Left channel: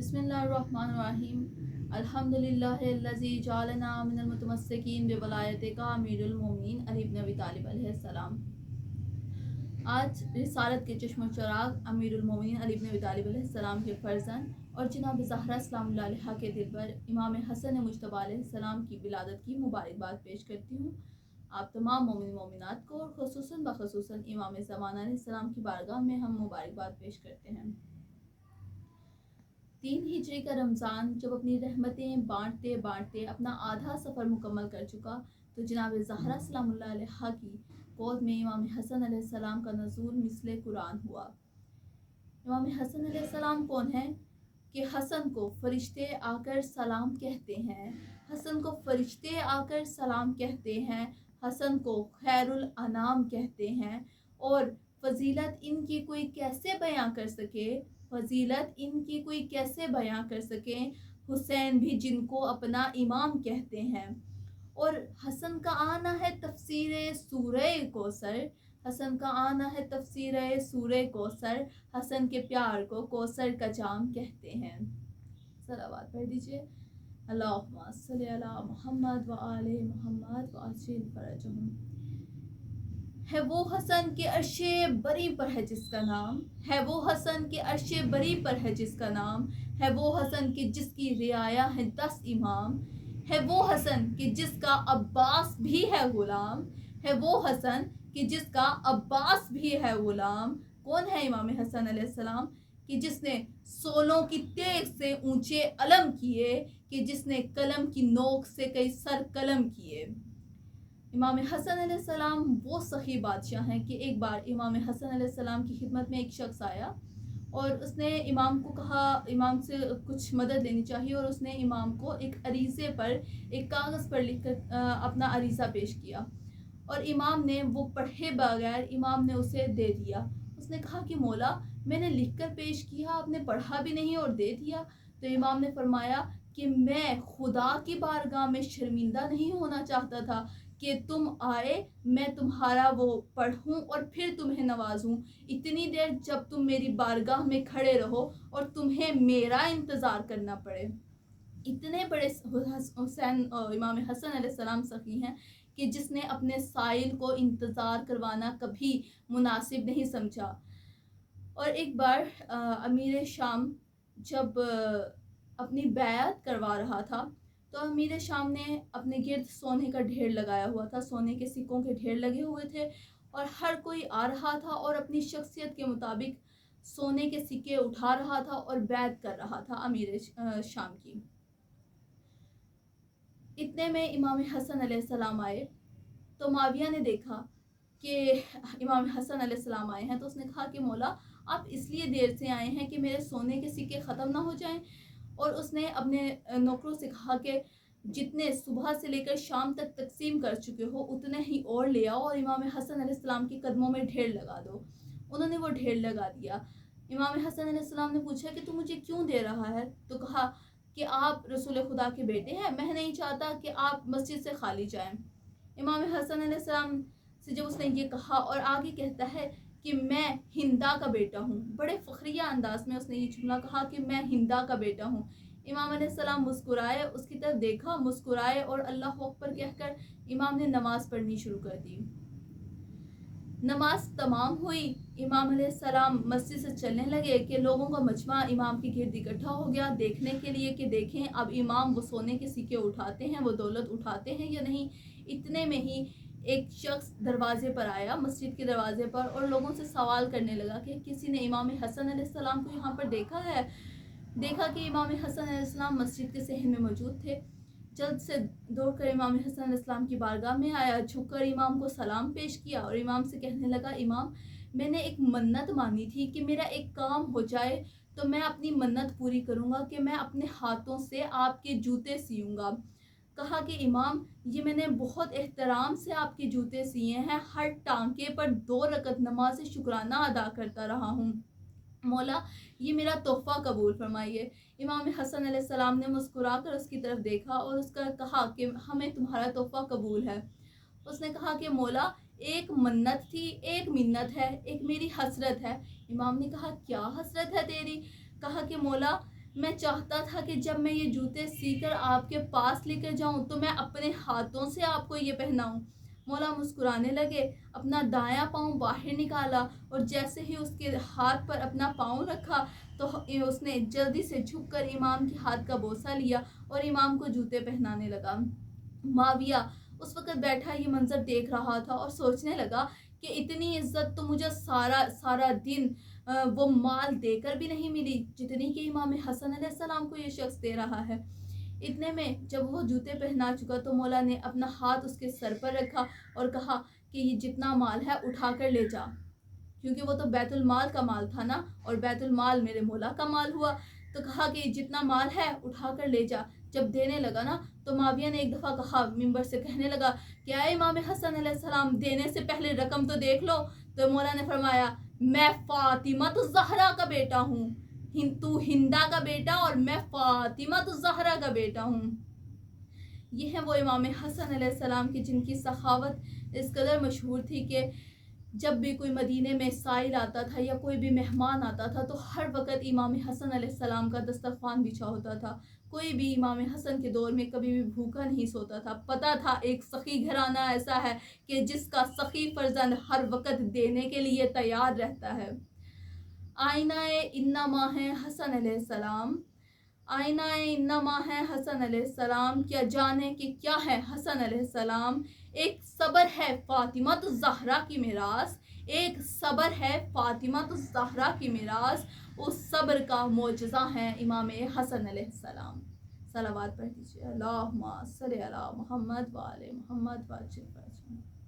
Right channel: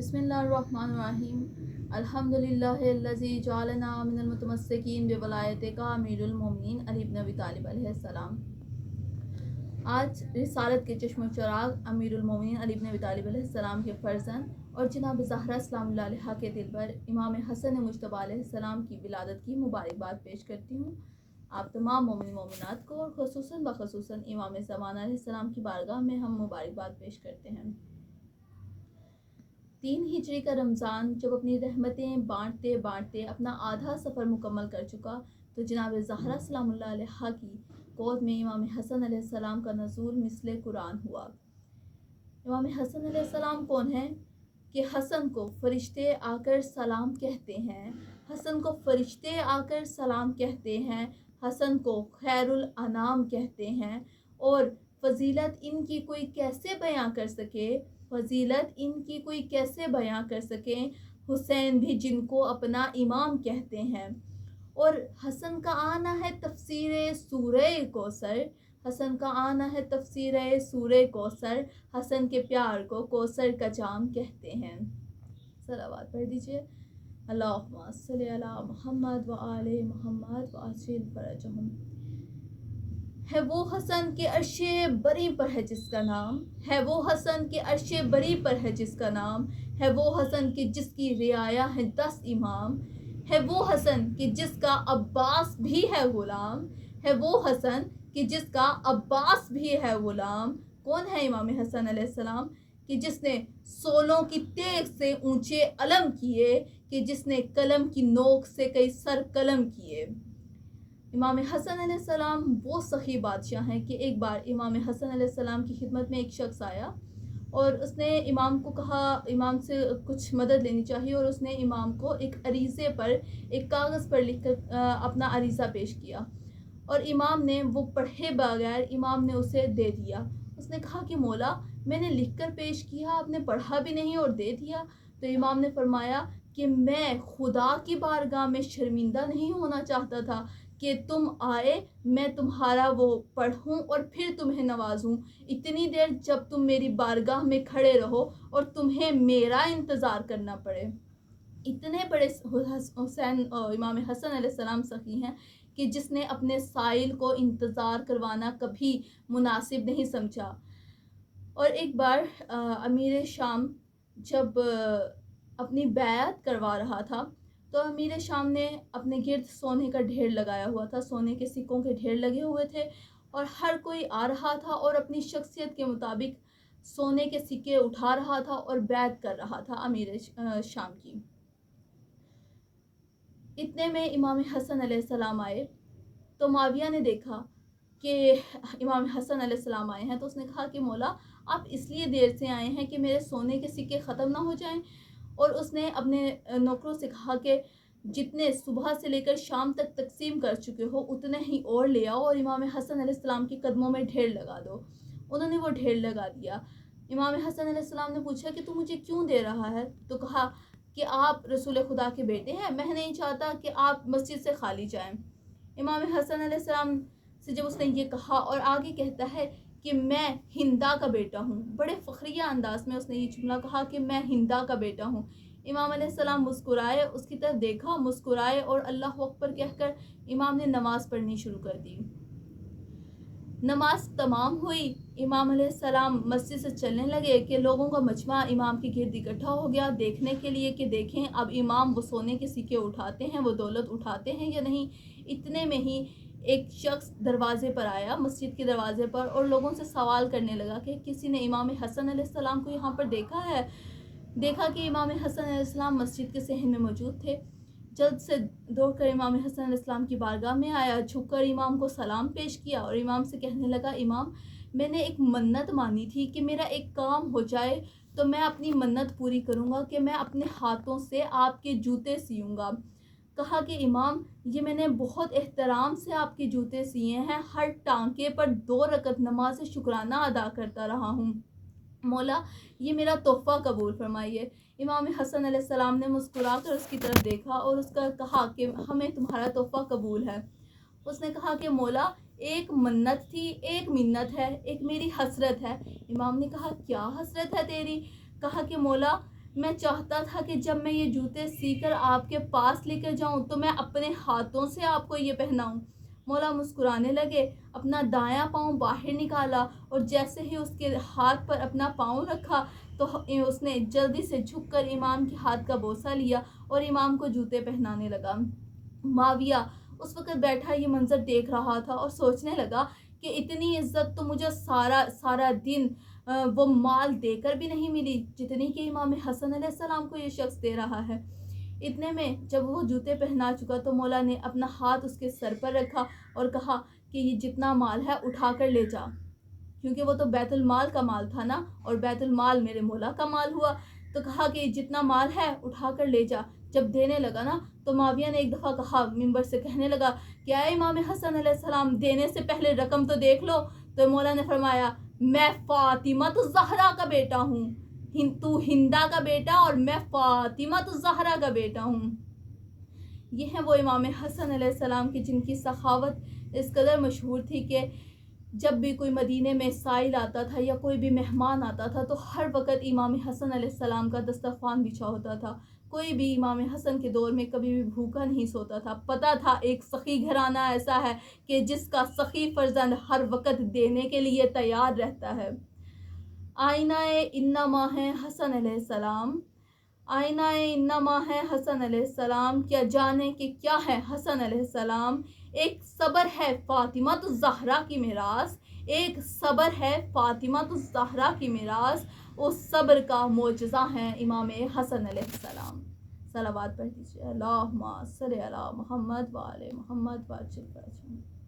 बिस्मिल्लाहिर्रहमानिर्रहीम अल्हम्दुलिल्लाहिल्लज़ी जअलना मिनल मुतमस्सिकीन बिवलायति का अमीरुल मोमिनीन अली इब्न अबी तालिब अलैहिस्सलाम। आज रिसालत के चश्म चिराग अमीरुल मोमिनीन अली इब्न अबी तालिब अलैहिस्सलाम के फर्जंद और जनाब ज़हरा सलामुल्लाह अलैहा के दिल पर इमाम हसन मुज्तबा अलैहिस्सलाम की विलादत की मुबारकबाद पेश करती हूँ। आप तमाम मोमिन मोमिनात को और ख़ुसूसन बख़ुसूसन इमाम ज़माना अलैहिस्सलाम की बारगाह में हम मुबारकबाद पेश करते हैं। 3 हिजरी का रमज़ान जब अपनी रहमतें बांटते बांटते अपना आधा सफ़र मुकम्मल कर चुका तो जनाब ज़हरा सलामुल्लाह अलैहा की गोद में इमाम हसन अलैहिस्सलाम का नज़ूल मिसले कुरान हुआ। इमाम हसन अलैहिस्सलाम कौन है कि हसन को फरिश्ते आकर सलाम कहते हैं, हसन को फरिश्ते आकर सलाम कहते हैं, हसन को खैरुल अनाम कहते हैं। और फजीलत इनकी कोई कैसे बयां कर सके, फजीलत इनकी कोई कैसे बयां कर सके। हुसैन भी जिनको अपना इमाम कहते हैं। और हसन का आना है तफसीर सूरह कौसर, हसन का आना है तफसीर सूरह कौसर, हसन के प्यार को कौसर का जाम कहते हैं। सलावत पढ़ दीजिए। अल्लाहुम्मा सल्ली अला मुहम्मद व आले मुहम्मद व अजिल फरजहुम। है वो हसन के अर्शे बरी पर है जिसका नाम, है वो हसन के अर्शे बरी पर है जिसका नाम, है वो हसन की जिसकी रियाया है 10 इमाम, है वो हसन कि जिसका अब्बास भी है गुलाम, है वो हसन कि जिसका अब्बास भी है गुलाम। कौन है इमाम हसन अलैहिस्सलाम कि जिसने सोलों की तेग से ऊंचे अलम किए, कि जिसने कलम की नोक से कई सर कलम किए। इमाम हसन अलैहिस्सलाम वो सही बादशाह हैं कि एक बार इमाम हसन अलैहिस्सलाम की खिदमत में एक शख्स आया और उसने इमाम को कहा इमाम से कुछ मदद लेनी चाहिए, और उसने इमाम को एक अरीज़े पर एक कागज़ पर लिखकर अपना अरीज़ा पेश किया और इमाम ने वो पढ़े बगैर इमाम ने उसे दे दिया। उसने कहा कि मौला मैंने लिखकर पेश किया, आपने पढ़ा भी नहीं और दे दिया। तो इमाम ने फरमाया कि मैं खुदा की बारगाह में शर्मिंदा नहीं होना चाहता था कि तुम आए, मैं तुम्हारा वो पढ़ूं और फिर तुम्हें नवाजूं। इतनी देर जब तुम मेरी बारगाह में खड़े रहो और तुम्हें मेरा इंतज़ार करना पड़े। इतने बड़े हुसैन इमाम हसन अलैहिस्सलाम सखी हैं कि जिसने अपने साइल को इंतज़ार करवाना कभी मुनासिब नहीं समझा। और एक बार अमीर शाम जब अपनी बैत करवा रहा था तो अमीर शाम ने अपने गिर्द सोने का ढेर लगाया हुआ था, सोने के सिक्कों के ढेर लगे हुए थे और हर कोई आ रहा था और अपनी शख्सियत के मुताबिक सोने के सिक्के उठा रहा था और बैत कर रहा था अमीर शाम की। इतने में इमाम हसन अलैहिस्सलाम आए तो माविया ने देखा कि इमाम हसन अलैहिस्सलाम आए हैं, तो उसने कहा कि मौला आप इसलिए देर से आए हैं कि मेरे सोने के सिक्के ख़त्म ना हो जाएं। और उसने अपने नौकरों से कहा कि जितने सुबह से लेकर शाम तक तकसीम कर चुके हो उतने ही और ले आओ और इमाम हसन अलैहिस्सलाम के कदमों में ढेर लगा दो। उन्होंने वो ढेर लगा दिया। इमाम हसन अलैहिस्सलाम ने पूछा कि तू मुझे क्यों दे रहा है? तो कहा कि आप रसूल खुदा के बेटे हैं, मैं नहीं चाहता कि आप मस्जिद से खाली जाएं। इमाम हसन अलैहिस्सलाम से जब उसने ये कहा और आगे कहता है कि मैं हिंदा का बेटा हूँ, बड़े फ़ख्रिया अंदाज में उसने ये जुमला कहा कि मैं हिंदा का बेटा हूँ। इमाम अलैहिस्सलाम मुस्कुराए, उसकी तरफ देखा, मुस्कुराए और अल्लाह अकबर कहकर इमाम ने नमाज़ पढ़नी शुरू कर दी। नमाज तमाम हुई, इमाम अलैहिस्सलाम मस्जिद से चलने लगे कि लोगों का मजमा इमाम के गिर्द इकट्ठा हो गया देखने के लिए कि देखें अब इमाम वो सोने के सिक्के उठाते हैं, वो दौलत उठाते हैं या नहीं। इतने में ही एक शख्स दरवाजे पर आया, मस्जिद के दरवाजे पर, और लोगों से सवाल करने लगा कि किसी ने इमाम हसन अलैहिस्सलाम को यहाँ पर देखा है। देखा कि इमाम हसन अलैहिस्सलाम मस्जिद के सहन में मौजूद थे। जल्द से दौड़कर इमाम हसन अलैहिस्सलाम की बारगाह में आया, झुककर इमाम को सलाम पेश किया और इमाम से कहने लगा, इमाम मैंने एक मन्नत मानी थी कि मेरा एक काम हो जाए तो मैं अपनी मन्नत पूरी करूँगा कि मैं अपने हाथों से आपके जूते सियूँगा। कहा कि इमाम ये मैंने बहुत एहतराम से आपके जूते सिए हैं, हर टांके पर 2 रकत नमाज शुक्राना अदा करता रहा हूँ, मौला ये मेरा तोहफ़ा कबूल फरमाइए। इमाम हसन अलैहिस्सलाम ने मुस्कुरा कर उसकी तरफ देखा और उसका कहा कि हमें तुम्हारा तोहफ़ा कबूल है। उसने कहा कि मौला एक मन्नत थी, एक मिन्नत है, एक मेरी हसरत है। इमाम ने कहा क्या हसरत है तेरी? कहा कि मौला میں چاہتا تھا کہ جب میں یہ جوتے سی کر آپ کے پاس لے کر جاؤں تو میں اپنے ہاتھوں سے آپ کو یہ پہناؤں۔ مولا مسکرانے لگے، اپنا دایاں پاؤں باہر نکالا اور جیسے ہی اس کے ہاتھ پر اپنا پاؤں رکھا تو اس نے جلدی سے جھک کر امام کے ہاتھ کا بوسہ لیا اور امام کو جوتے پہنانے لگا۔ معاویہ اس وقت بیٹھا یہ منظر دیکھ رہا تھا اور سوچنے لگا کہ اتنی عزت تو مجھے سارا دن وہ مال دے کر بھی نہیں ملی جتنی کہ امام حسن علیہ السلام کو یہ شخص دے رہا ہے۔ اتنے میں جب وہ جوتے پہنا چکا تو مولا نے اپنا ہاتھ اس کے سر پر رکھا اور کہا کہ یہ جتنا مال ہے اٹھا کر لے جا، کیونکہ وہ تو بیت المال کا مال تھا نا، اور بیت المال میرے مولا کا مال ہوا، تو کہا کہ جتنا مال ہے اٹھا کر لے جا۔ جب دینے لگا نا تو معاویہ نے ایک دفعہ کہا، منبر سے کہنے لگا، کیا ہے امام حسن علیہ السلام، دینے سے پہلے رقم تو دیکھ لو۔ تو مولا نے فرمایا، میں فاطمہ الزہرا کا بیٹا ہوں، تو ہندا کا بیٹا اور میں فاطمہ الزہرا کا بیٹا ہوں۔ یہ ہیں وہ امام حسن علیہ السلام کی جن کی سخاوت اس قدر مشہور تھی کہ جب بھی کوئی مدینے میں سائل آتا تھا یا کوئی بھی مہمان آتا تھا تو ہر وقت امام حسن علیہ السلام کا دسترخوان بچھا ہوتا تھا۔ کوئی بھی امام حسن کے دور میں کبھی بھی بھوکا نہیں سوتا تھا۔ پتہ تھا ایک سخی گھرانہ ایسا ہے کہ جس کا سخی فرزند ہر وقت دینے کے لیے تیار رہتا ہے۔ آئینہ انما ہے حسن علیہ السلام، آئینہ انما ہے حسن علیہ السلام، کیا جانے کہ کیا ہے حسن علیہ السلام؟ ایک صبر ہے فاطمہ الزہرا کی میراث، ایک صبر ہے فاطمہ الزہرا کی میراث، اس صبر کا معجزہ ہے امام حسن علیہ السلام۔ صلوات پڑھ دیجیے، اللہم صلی علی محمد و آل محمد و عجل فرجہ۔